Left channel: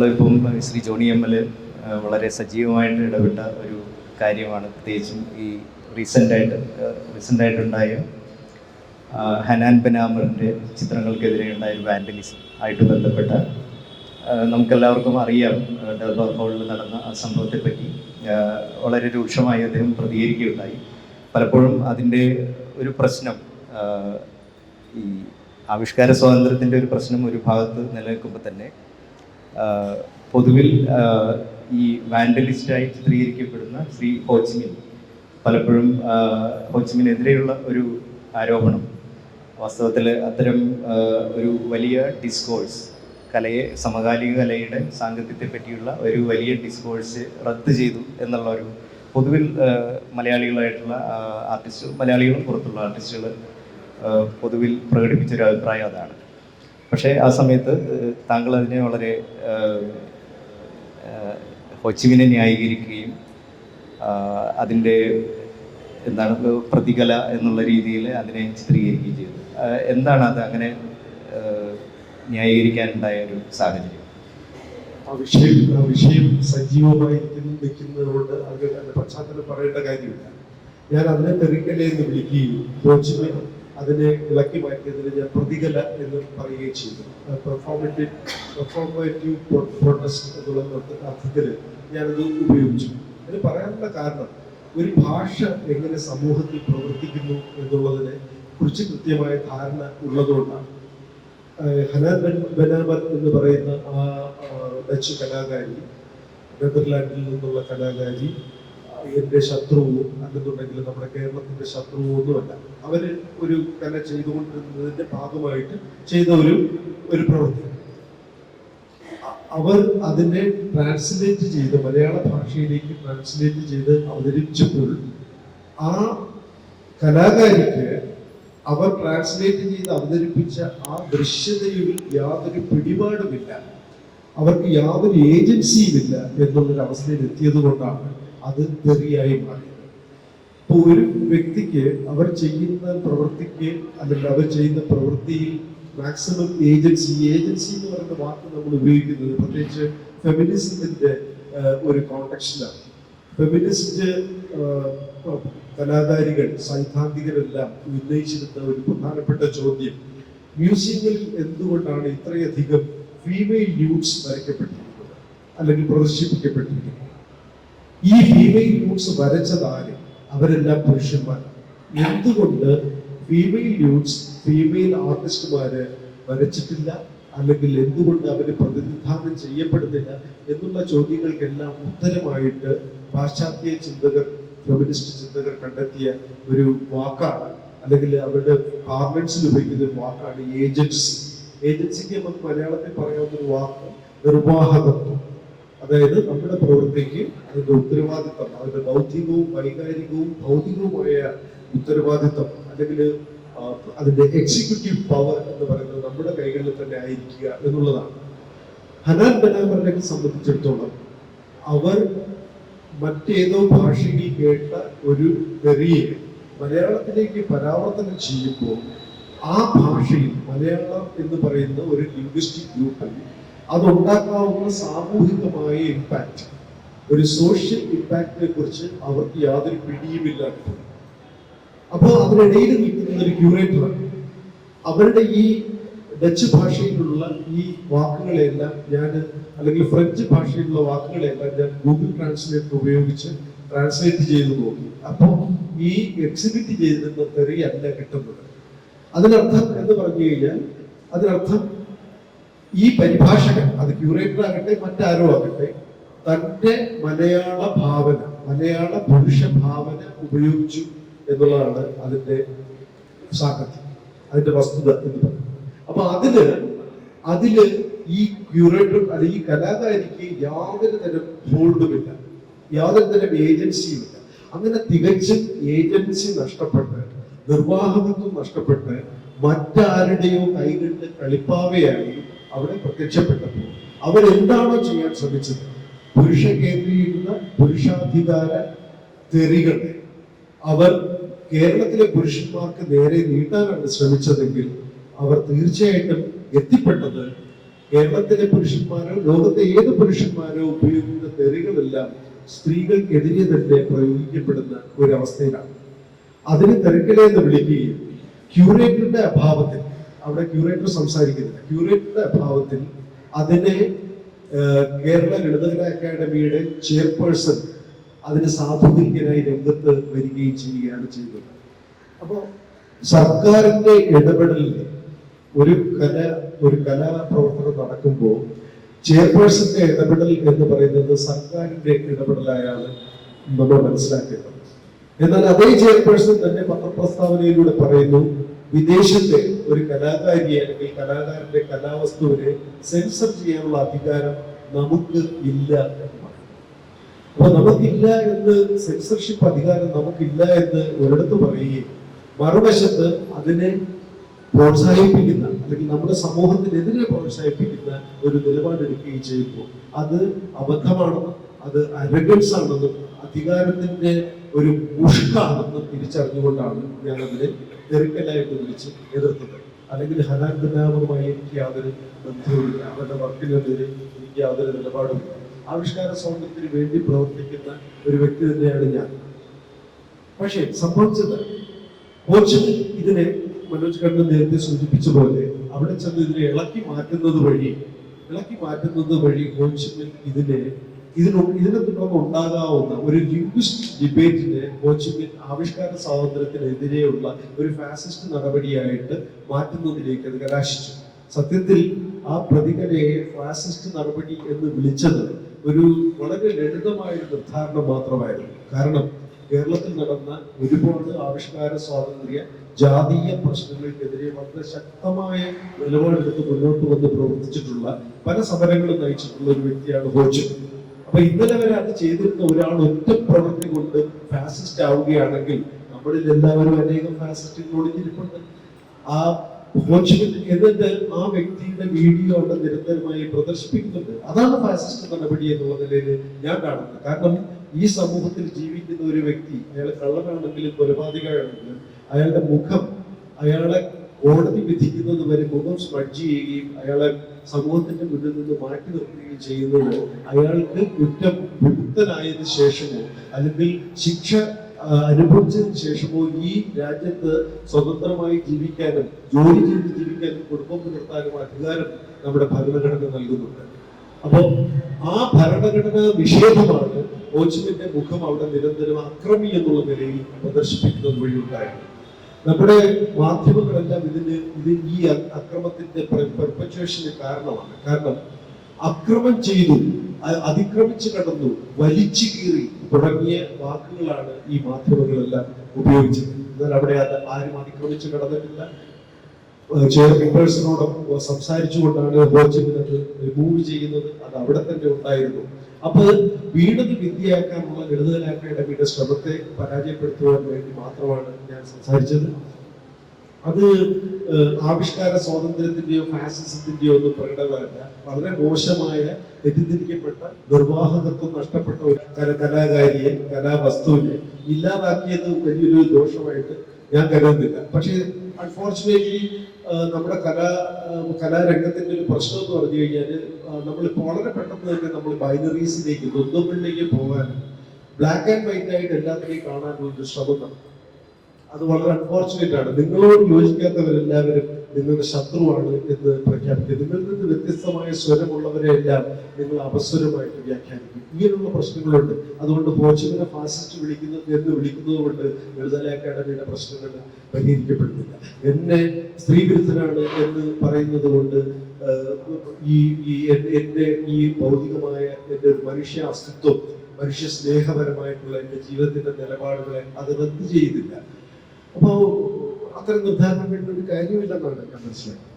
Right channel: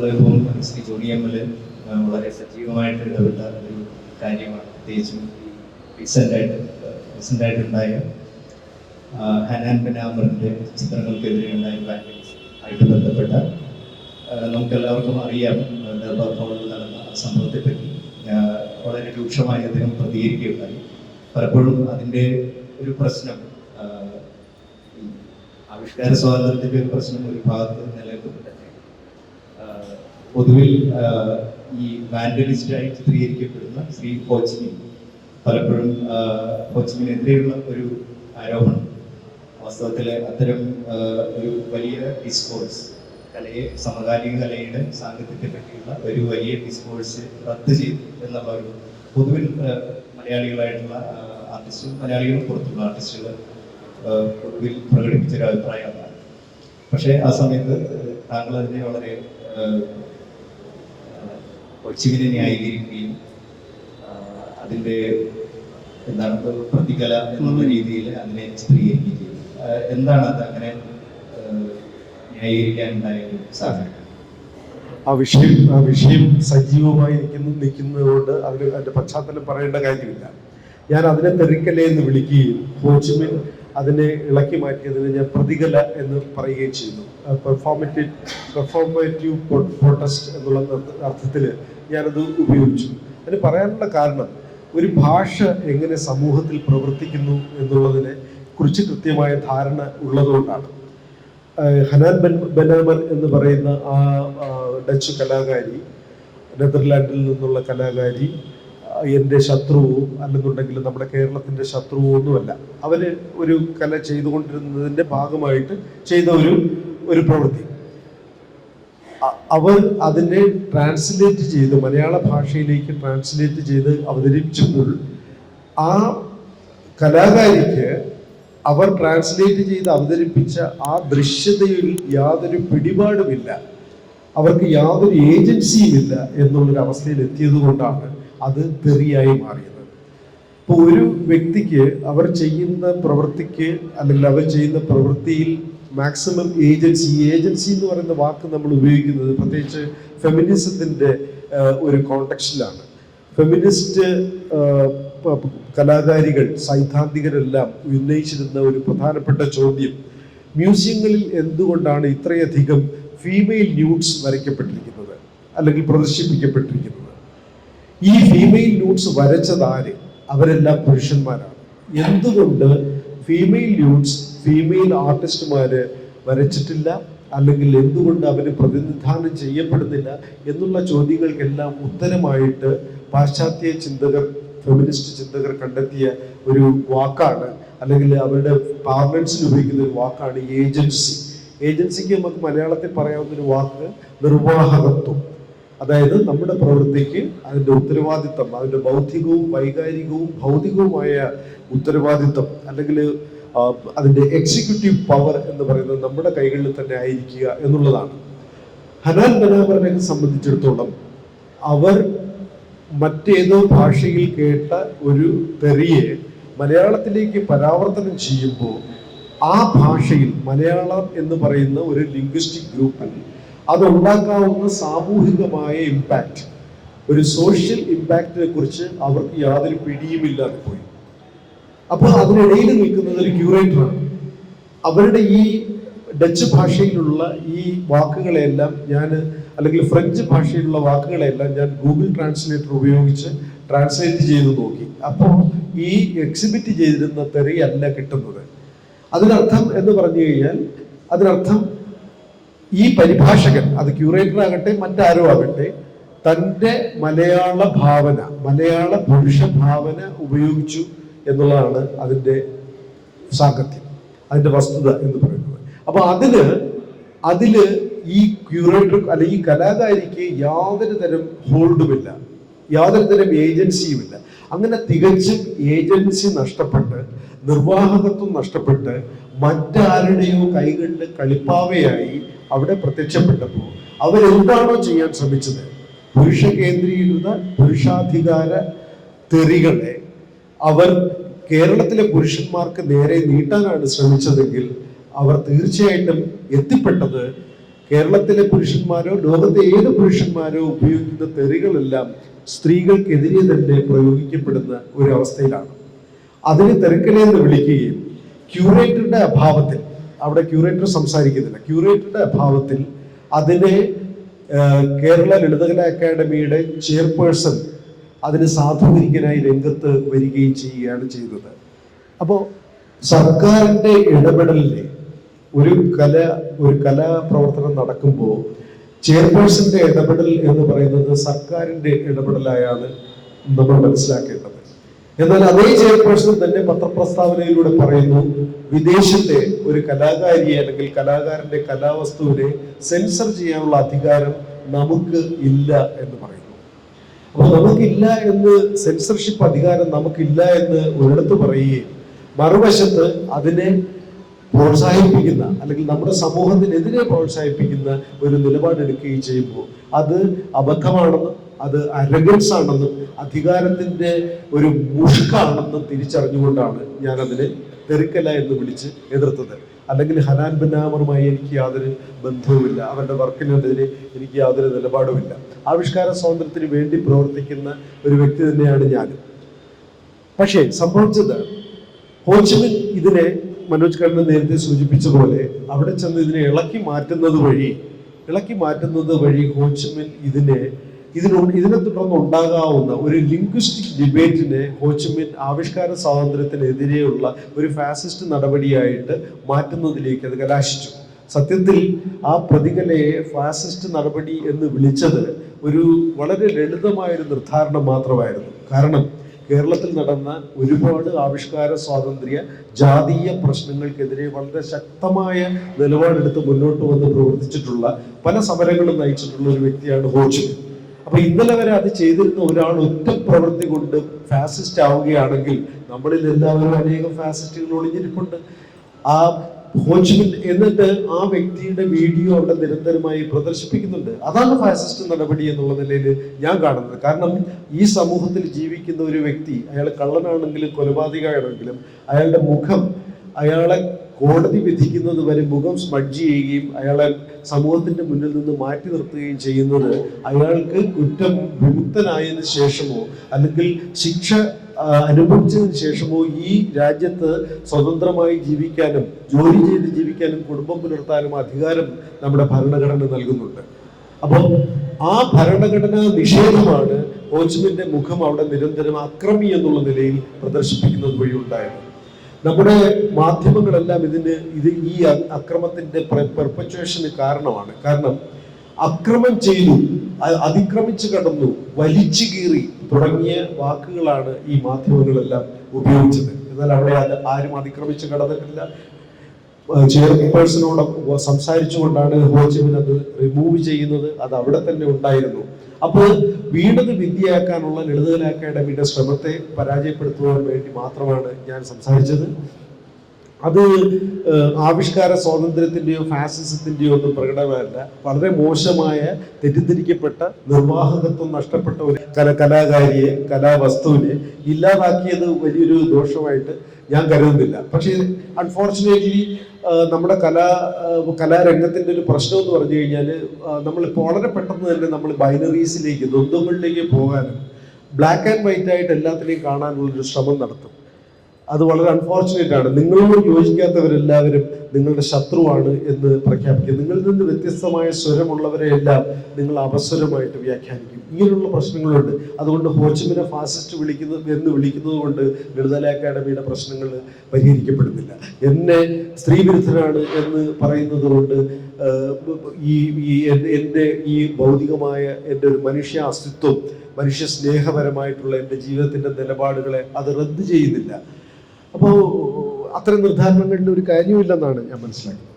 നമ്മളിപ്പം Shri Johnny ML വളരെ സജീവമായിട്ട് ഇടപെട്ട ഒരു കാര്യമാണ്, പ്രത്യേകിച്ചും ഈ റീസെൻ്റായിട്ടുണ്ടായ ഹനാൻ ബനാമറിൻ്റെ ചിത്രങ്ങൾക്കെതിരെ ഉണ്ടായ വാൻഡലിസം ആയിട്ട് ബന്ധപ്പെട്ട നമുക്കെല്ലാവർക്കും അറിയാം. ഡർബാർ ഹാളിൽ നടന്ന ആ സംഭവത്തെപ്പറ്റി വളരെ രൂക്ഷമായി അദ്ദേഹം പ്രതികരിക്കുകയുണ്ടായി. പലപ്പോഴും അതിൻ്റെ ഒരു പ്രശ്നം, ഈ ആവിഷ്കാര സ്വാതന്ത്ര്യത്തിൻ്റെ ഒരു പ്രശ്നം ഒരു ഭാഗത്ത് നിലനിൽക്കുമ്പോൾ തന്നെ പൊതുവിൽ ഈ വാൻഡലിസ്റ്റായി ചിത്രീകരിക്കപ്പെടുന്ന ശ്രീ ഹോച്ചിമിൻ പലപ്പോഴും ഹോച്ചിമിനെതിരെയുള്ള ഒരു ആരോപണം വാസ്തവത്തിൽ അത്തരം ഒരു വലിയ ഡിസ്കോഴ്സ്, സമകാലിക കലയുടെ സാങ്കത്യത്തെ പറ്റിയുള്ള ഒരു വലിയ ഡിസ്കോഴ്സ് റദ്ദ് ചെയ്തു എന്നുള്ള ഒരു പൊതുവിൽ മലയാളികളായിട്ടുള്ള ആർട്ടിസ്റ്റും മലയാളികളും പുറത്തുള്ള ആർട്ടിസ്റ്റുകൾ പൊതുവിൽ പ്രകടിപ്പിച്ചൊരു അഭിപ്രായം അതാണ്. പക്ഷേ ആ സമയത്ത് താങ്കൾ അതിനെ വളരെ ഹോച്ചിമിനെ ന്യായീകരിക്കുകയും അതിൻ്റെ എന്താണ് പ്രതികല എന്നുള്ള രീതിയിൽ അതിനെ ചിത്രീകരിക്കുകയും ചെയ്തു. എന്താണ് അത് അങ്ങനെ ന്യായീകരിക്കാനുണ്ടായ ഒരു സാഹചര്യം? ആ വിഷയം സജീവമായി നിൽക്കുന്നതുകൊണ്ട് അതിൻ്റെ പശ്ചാത്തലം പറയേണ്ട കാര്യമില്ല. ഞാൻ അതിനെ തെറിക്കല എന്ന് വിളിക്കുകയും ഹോച്ചിമിൻ അതിനെ ഇളക്കി മാറ്റിയതിന് ഞാൻ പ്രതികല എന്ന് പറയുകയും ചെയ്തു. പെർഫോമേറ്റീവ് പ്രൊട്ടസ്റ്റ് എന്നുള്ള അർത്ഥത്തിൽ ഞാനത് ഉപയോഗിച്ചു. അതിന് പറയാനുള്ള കാരണം, ഒരു ഭാഷ എങ്ങനെ സമൂഹത്തിൽ പ്രവർത്തിക്കുന്നു എന്നുള്ളതിനെ കുറിച്ച് കൃത്യമായ ധാരണ ഉള്ളതുകൊണ്ടാണ്. ഹനാൻ ബനാമർ എന്ന് പറയുന്ന ആ ഡച്ച് കലാകാരി, നെതർലാൻഡിൽ നിന്നുള്ള കലാകാരി എൻ്റെ ശത്രുവോ അല്ലെന്നുണ്ടെങ്കിൽ നമ്മുടെ കേരളത്തിൻ്റെ ശത്രുവോ ഒന്നുമല്ല. അവർ ഒരു കല ചെയ്തുകൊണ്ടിരുന്നതിൻ്റെ ഭാഗമായിട്ട് ചെയ്ത ഒരു പ്രവൃത്തി. അവർ അതിനെ ട്രാൻസ്ലേറ്റ് ചെയ്ത് മലയാള ഭാഷയിലേക്ക് ട്രാൻസ്ലേറ്റ് ചെയ്ത് അവതരിപ്പിച്ചപ്പോൾ ആ കലാകാരിക്ക് അവർ ട്രാൻസ്ലേറ്റ് ചെയ്ത് അവതരിപ്പിച്ച ആ ദൃശ്യതയിൽ യാതൊരു പിടിപാടുമില്ല, അവർക്ക് യാതൊരു ഏജൻസിയുമില്ല എന്നുള്ളൊരു അവസ്ഥയിൽ എത്തിയത് കൊണ്ടാണ് അത് തെറിയായി മാറിയത്. ഇപ്പോൾ ഒരു വ്യക്തിക്ക് അവർ ചെയ്യുന്ന പ്രവൃത്തിക്ക് അല്ലെങ്കിൽ അവർ ചെയ്യുന്ന പ്രവൃത്തിയിൽ മാക്സിമം ഏജൻസി എന്ന് പറയുന്ന വാക്ക് നമ്മൾ ഉപയോഗിക്കുന്നത് പ്രത്യേകിച്ച് ഫെമിനിസത്തിൻ്റെ ഒരു കോണ്ടെക്സ്റ്റിലാണ്. ഫെമിനിസ്റ്റ് കലാകാരികൾ, സൈദ്ധാന്തികരെല്ലാം ഉന്നയിച്ചിരുന്ന ഒരു പ്രധാനപ്പെട്ട ചോദ്യം, മ്യൂസിയങ്ങളിൽ എന്തുകൊണ്ടാണ് ഇത്രയധികം ഫീമെയിൽ ന്യൂഡ്സ് വരയ്ക്കപ്പെട്ടിരിക്കുന്നത് അല്ലെങ്കിൽ പ്രദർശിപ്പിക്കപ്പെട്ടിരിക്കുന്നത്? ഈ ഫീമെയിൽ ന്യൂഡ്സ് വരച്ചതാര്? അവരെല്ലാം പുരുഷന്മാരാണ്. എന്തുകൊണ്ട് ഫീമെയിൽ ന്യൂഡ്സ് ഫീമെയിൽ ആർട്ടിസ്റ്റുമാര് വരച്ചിട്ടില്ല, അല്ലെങ്കിൽ എന്തുകൊണ്ട് അവര് പ്രതിനിധാനം ചെയ്യപ്പെടുന്നില്ല എന്നുള്ള ചോദ്യങ്ങൾക്കെല്ലാം ഉത്തരമായിട്ട് പാശ്ചാത്യ ചിന്തകർ, ഫെമിനിസ്റ്റ് ചിന്തകർ കണ്ടെത്തിയ ഒരു വാക്കാണ്, അല്ലെങ്കിൽ അവരുടെ പാർലൻസിൽ ഉപയോഗിക്കുന്ന ഒരു വാക്കാണ് ഏജൻസി. ഏജൻസിക്ക് നമുക്ക് മലയാളത്തിൽ പറയാവുന്ന ഒരു വാക്ക് നിർവാഹകത്വം. അതായത് നമ്മുടെ പ്രവൃത്തിക്ക് അതിൻ്റെ ഉത്തരവാദിത്വം, അതിൻ്റെ ബൗദ്ധികവും വൈകാരികവും ഭൗതികവുമായ ഉത്തരവാദിത്വം, അല്ലെങ്കിൽ അതിൻ്റെ എക്സിക്യൂട്ടീവ് പവർ എന്ന് പറയുന്നത് നമ്മുടെ കൈകളിൽ തന്നെ ആയിരിക്കുക എന്നുള്ളതാണ്. ഹനാൻ ബനാമറിനെ സംബന്ധിച്ചിടത്തോളം അവർ മറ്റേതോ ഭാഷയിൽ കേട്ട ഒരു തെറിയെ മലയാളത്തിലേക്ക് പരാവർത്തനം ചെയ്യുമ്പോൾ ആ ഭാഷയിൽ മലയാളം എന്ന് പറയുന്ന ഒരു ലിംഗ്വിസ്റ്റിക് ഗ്രൂപ്പിൽ അതുണ്ടാക്കാവുന്ന സാമൂഹികമായ ഇമ്പാക്റ്റ്, ഒരു സോഷ്യൽ ഇമ്പാക്റ്റിനെ കുറിച്ച് അവർക്ക് യാതൊരു പിടിയുമില്ലാതെ പോയി. അപ്പോൾ അതിനിടയിൽ നിൽക്കുന്നത് ഒരു ക്യൂറേറ്ററാണ്. അവരുടെ ഈ ഡച്ച് ഭാഷയിലുള്ള ഈ വാക്കുകളെല്ലാം അല്ലെങ്കിൽ ഫ്രഞ്ച് ഭാഷയിലുള്ള വാക്കുകളെല്ലാം ഞാൻ ഗൂഗിൾ ട്രാൻസ്ലേറ്റർ ഉപയോഗിച്ച് ട്രാൻസ്ലേറ്റ് ചെയ്ത് നോക്കി. അപ്പോൾ ഈ എക്സിബിറ്റ് ചെയ്തിരുന്ന തെറിയല്ല കിട്ടുന്നത്. അതിനർത്ഥം എന്ന് പറഞ്ഞു കഴിഞ്ഞാൽ, അതിനർത്ഥം ഈ പരിഭാഷകൻ, അത് ക്യൂറേറ്റർ ആകട്ടെ മറ്റാരോ ആകട്ടെ, തൻ്റെ മലയാള ഭാവന, മലയാള പുരുഷ ഭാവന ഉപയോഗിച്ചു എന്നുള്ളതാണ് അതിൻ്റെ സാങ്കത്യം, അതിൻ്റെ വസ്തുത എന്ന് പറയുന്നത്. അപ്പൊ അതില് ഈ ക്യൂറേറ്റർ അല്ലെങ്കിൽ ഈ കലാകാരിക്ക് യാതൊരു തരം ഹോൾഡുമില്ല, യാതൊരു തരം ഏജൻസിയുമില്ല. അങ്ങനെ തികച്ചും ഏജൻസി നഷ്ടപ്പെട്ട്, നിർവാഹകത്വം നഷ്ടപ്പെട്ട്, മറ്റാരുടെയോ കൈകളിൽ കളിപ്പാവയായി അവിടെ പ്രത്യക്ഷപ്പെട്ടപ്പോൾ അവരെന്താണോ ചെയ്യാൻ ശ്രമിച്ചത്, പുരുഷ കേന്ദ്രീകൃത പുരുഷാധികാര തെറികളെ അവർ കേരളത്തിലെ പുരുഷന്മാർക്ക് നേരെ നീട്ടാനാണ് ശ്രമിച്ചതെങ്കിൽ അവർ തീർച്ചയായിട്ടും എത്തിപ്പെട്ടത് കേരളത്തിലെ പുരുഷന്മാരോ ലോകത്തെ ഏത് പുരുഷന്മാരോ ഉപയോഗിക്കുന്ന തെറികളെല്ലാം സ്ത്രീകൾക്കെതിരെ തന്നെ പ്രയോഗിക്കപ്പെടുന്ന ഒരു അവസ്ഥയിലാണ്. അതിന് തെറിക്കലെന്ന് വിളിക്കുകയും ക്യൂറേറ്ററുടെ അഭാവത്തിൽ, അവിടെ ക്യൂറേറ്റർ സംസാരിക്കുന്നില്ല, ക്യൂറേറ്ററുടെ അഭാവത്തിൽ അതിനെ കേരള ലളിതകലാ അക്കാദമിയുടെ ചെയർപേഴ്സൺ അതിന് സാധൂകരിക്കാനായി രംഗത്ത് വരികയും ചെയ്യുകയാണ് ചെയ്തത്. അപ്പോൾ സർക്കാരിന്റെ ഇടപെടലിനെ ഒരു കലാപ്രവർത്തനം നടക്കുമ്പോൾ ചെയർപേഴ്സന്റെ ഇടപെടൽ എന്ന് പറയുന്നത് സർക്കാരിന്റെ ഇടപെടലായാണ് നമ്മൾ മനസ്സിലാക്കേണ്ടത്. എന്നാൽ അതേ ചെയർപേഴ്സൺ തന്നെ പത്രപ്രസ്താവനയിലൂടെ പറയുന്നു, വിദേശത്തെ ഒരു കലാകാരിയെ അല്ലെങ്കിൽ കലാകാരന്റെ കലാവസ്തുവിനെ സെൻസർ ചെയ്യാനുള്ള അധികാരം നമുക്ക് ഇല്ല എന്ന് പറയുന്നു. അപ്പൊ നമുക്കില്ല എന്ന്, സെൻസർഷിപ്പ് അധികാരം നമുക്കില്ല എന്ന് ഒരിടത്ത് പറയുകയും മറുവശത്ത് അതിനെ പ്രോത്സാഹിപ്പിക്കുന്ന അല്ലെങ്കിൽ നമ്മുടെ സമൂഹത്തിനെതിരെ പ്രോത്സാഹിപ്പിക്കുന്ന ഒരു നിലപാടെടുക്കുകയും ചെയ്യുമ്പോൾ അത് അബദ്ധമാണെന്നും അത് അരഗൻസ് ആണെന്നും അധികാരത്തിന്റെ ഒരു മുഷ്കാണെന്നും തിരിച്ചറിഞ്ഞുകൊണ്ടാണ് ഞാൻ അതിനെ തെറിക്കല എന്ന് വിളിച്ച് എതിർത്തത്. അല്ലെങ്കിൽ ഹനാൻ ബന്നാമറുമായി എനിക്ക് യാതൊരു ബന്ധവുമില്ല, അവരുടെ വർക്കിനെതിരെ എനിക്ക് യാതൊരു നിലപാടുമില്ല. ആവിഷ്കാര സ്വാതന്ത്ര്യത്തിന് വേണ്ടി പ്രവർത്തിക്കുന്ന ഒരു വ്യക്തി തന്നെയാണ് ഞാൻ. പക്ഷേ സംഭവിച്ചത്, ഹോച്ചിമിൻ ഇതിനെ മനോജ് കണ്ണൻ നേരത്തെ സൂചിപ്പിച്ച പോലെ അവിടെ ചെന്ന് ഇതിനെ ഇളക്കി മാറ്റുന്നത് വഴി ഹോച്ചിമിൻ ഇതിനെ തുടർന്ന് ഉണ്ടാകാവുന്ന ഒരു ലിംഗ്വിസ്റ്റിക് ഡിബേറ്റിനെ ഹോച്ചിമിൻ ആവിഷ്കാര സ്വാതന്ത്ര്യത്തിനെതിരെയുള്ള ഒരു ഫാസിസ്റ്റ് നടപടിയായിട്ട് മാറ്റുന്നതിലേക്ക് അത് കലാശിച്ചു. സത്യത്തിൽ ആ പ്രതികലയെ ഫാസിസ്റ്റ് നടപടി എന്ന് വിളിച്ചത് ഒരു വളരെ ലളിതമായ ഒരു നിർദ്ധാരണം മാത്രമായിരുന്നു. കാരണം കേരളത്തിൽ നടന്ന ഒരുപാട് ആവിഷ്കാര സ്വാതന്ത്ര്യ ജാതീയ പ്രശ്നങ്ങൾക്കെതിരെ വളരെ ശക്തമായ നിലപാടെടുത്ത് മുന്നോട്ട് വന്ന് പ്രവർത്തിച്ചിട്ടുള്ള പല സമരങ്ങളും നയിച്ചിട്ടുള്ള ഒരു വ്യക്തിയാണ് ഹോച്ചിമിൻ. അപ്പൊ ഇന്നലെ വരെ അത് ചെയ്തിരുന്ന ഒരാൾ ഒറ്റ പ്രവൃത്തി കൊണ്ട് ഫാസിസ്റ്റ് ആവുകയാണെങ്കിൽ നമ്മളിൽ എല്ലാവരും അനേകം ഫാസിസ്റ്റുകൾ ഒളിഞ്ഞിരിപ്പുണ്ട്. ആ ഹോച്ചിമിൻ എന്നിട്ട് ആ വ്യക്തിയുടെ വീഡിയോ അവിടെ നിരന്തരമായി പ്രദർശിപ്പിക്കുന്നുണ്ട്. അതാണ് ഫാസിസ്റ്റ് നടപടി എന്നുള്ള നിലയിൽ ഞാൻ കാണുന്നത്. കാരണം ഈ സമൂഹത്തിൽ ജീവിക്കുന്ന ഒരു വ്യക്തി, അയാൾ കള്ളനാണെങ്കിലും കൊലപാതകമാണെങ്കിലും അയാളുടെ മുഖം, അയാളെ കോടതി വിധിക്കുന്നത് വരെ മുഖം സ്മഡ്ജ് ചെയ്യുകയും അയാളെ സമൂഹത്തിന്റെ മുന്നിൽ നിന്ന് മാറ്റി നിർത്തുകയും ചെയ്യുന്നത് അയാൾക്ക് കുറ്റം വിമുക്തനായതിനു ശേഷമോ അല്ലെങ്കിൽ ശിക്ഷ അനുഭവിച്ചതിന് ശേഷമോ ഈ രാജ്യത്ത് സ്വതന്ത്രമായി ജീവിക്കാനും ജോലി ചെയ്ത് ജീവിക്കാനും കുടുംബം പുലർത്താനും അധികാരം നമ്മുടെ ഭരണഘടന നൽകുന്നുണ്ട്. അപ്പോൾ ആ ഭരണഘടനാ നിഷേധമാണ് ഹോച്ചിമിന്റെ മുഖം അവിടെ നിരന്തരം അക്രമി എന്നുള്ള നിലയിൽ പ്രദർശിപ്പിക്കുന്നത് വഴി ഉണ്ടായത്. നമ്മുടെ മാധ്യമങ്ങളെല്ലാം ഈ അക്രമത്തിന്റെ പെർപച്വേഷന് കാരണമാണ്. കാരണം അക്രമം ചെയ്തു, അതിക്രമിച്ചു കടന്നു, വലിച്ചു കീറി തുടങ്ങിയ വാക്കുകളാണ് ഈ മാധ്യമങ്ങളെല്ലാം ഉപയോഗിച്ചത്. എന്നാൽ അവിടെ ആരും അതിക്രമിച്ചു കടന്നിട്ടില്ല. ചെയർപേഴ്സണോട് സംസാരിച്ചുകൊണ്ടാണ് ഹോച്ചിമിൻ അത് റിമൂവ് ചെയ്യുന്നത്. അത് അവിടെ തന്നെ ഉണ്ടായിരുന്നു. അപ്പോൾ വീണത് വിദ്യയാക്കാനുള്ള ലളിതകലാ അക്കാദമിയുടെ ശ്രമത്തെ പരാജയപ്പെടുത്തുവാൻ വേണ്ടി മാത്രമാണ് ഞാൻ സംസാരിച്ചത്. അത് ആവിഷ്കാര സ്വാതന്ത്ര്യത്തിന്റെയോ ഫാസിസത്തിന്റെയോ ഒന്നും പ്രകടമല്ല. വളരെ മോശമായ, തെറ്റിദ്ധരിക്കപ്പെട്ട, നിർവാഹകത്വം നഷ്ടപ്പെട്ട ഒരു കലാകാരിയെ, കലാവസ്തുവിനെ ഇല്ലാതാക്കിയത് വലിയൊരു ദോഷമായിട്ട് ഞാൻ കരുതുന്നില്ല. പക്ഷേ അൺഫോർച്ചുനേറ്റ്ലി നമ്മുടെ കലാരംഗത്തിന്റെ ഒരു പ്രശ്നം എന്ന് പറഞ്ഞു കഴിഞ്ഞാൽ നമ്മളിപ്പോൾ വളരെ പെട്ടെന്ന് തന്നെ നമ്മൾ ബൈനറീസിലേക്ക്, ദ്വന്ദ്വങ്ങളിലേക്ക് പോകാനും ബ്ലാക്ക് ആൻഡ് വൈറ്റ് ആയിട്ട് എല്ലാത്തിനെയും കാണാനുള്ളൊരു ശ്രമം നടത്തും. അത് വളരെ അൺഫോർച്ചുനേറ്റ് ആണ്. നിങ്ങളോട് യോജിക്കാത്തവരെല്ലാവരും നിങ്ങളുടെ ശത്രുവാണ് എന്ന് പ്രഖ്യാപിക്കുക. നിങ്ങളിൽ നിന്ന് വ്യത്യസ്തമായ സ്വരമുള്ളവരെ എല്ലാം നിങ്ങൾ അപസ്വരമായിട്ട് വ്യാഖ്യാനിക്കും. ഇങ്ങനെയുള്ള പ്രശ്നങ്ങളുണ്ട്. അതുകൊണ്ട് ഹോച്ചിമിനെ ഫാസിസ്റ്റ് വിളിക്കുന്നത് കൊണ്ട് ലളിതകലാ അക്കാദമിയുടെ പ്രശ്നങ്ങൾ പരിഹരിക്കപ്പെടുന്നില്ല. എന്നെ സ്ത്രീവിരുദ്ധനാണ് എന്ന് പറയുന്നത് കൊണ്ട് എൻ്റെ ഈ ഭൗതികമായ എൻ്റെ ഒരു മനുഷ്യ അസ്തിത്വം, മനുഷ്യ സ്നേഹപരമായിട്ടുള്ള എൻ്റെ ജീവിതത്തിന്റെ നിലപാടുകളെ അത് റദ്ദ് ചെയ്യുന്നില്ല. അപ്പോൾ അത്തരം നിർദ്ധാരണങ്ങളുടെ ഒരു കാര്യമില്ലെന്നാണ് ഞാൻ മനസ്സിലാക്കുന്നത്.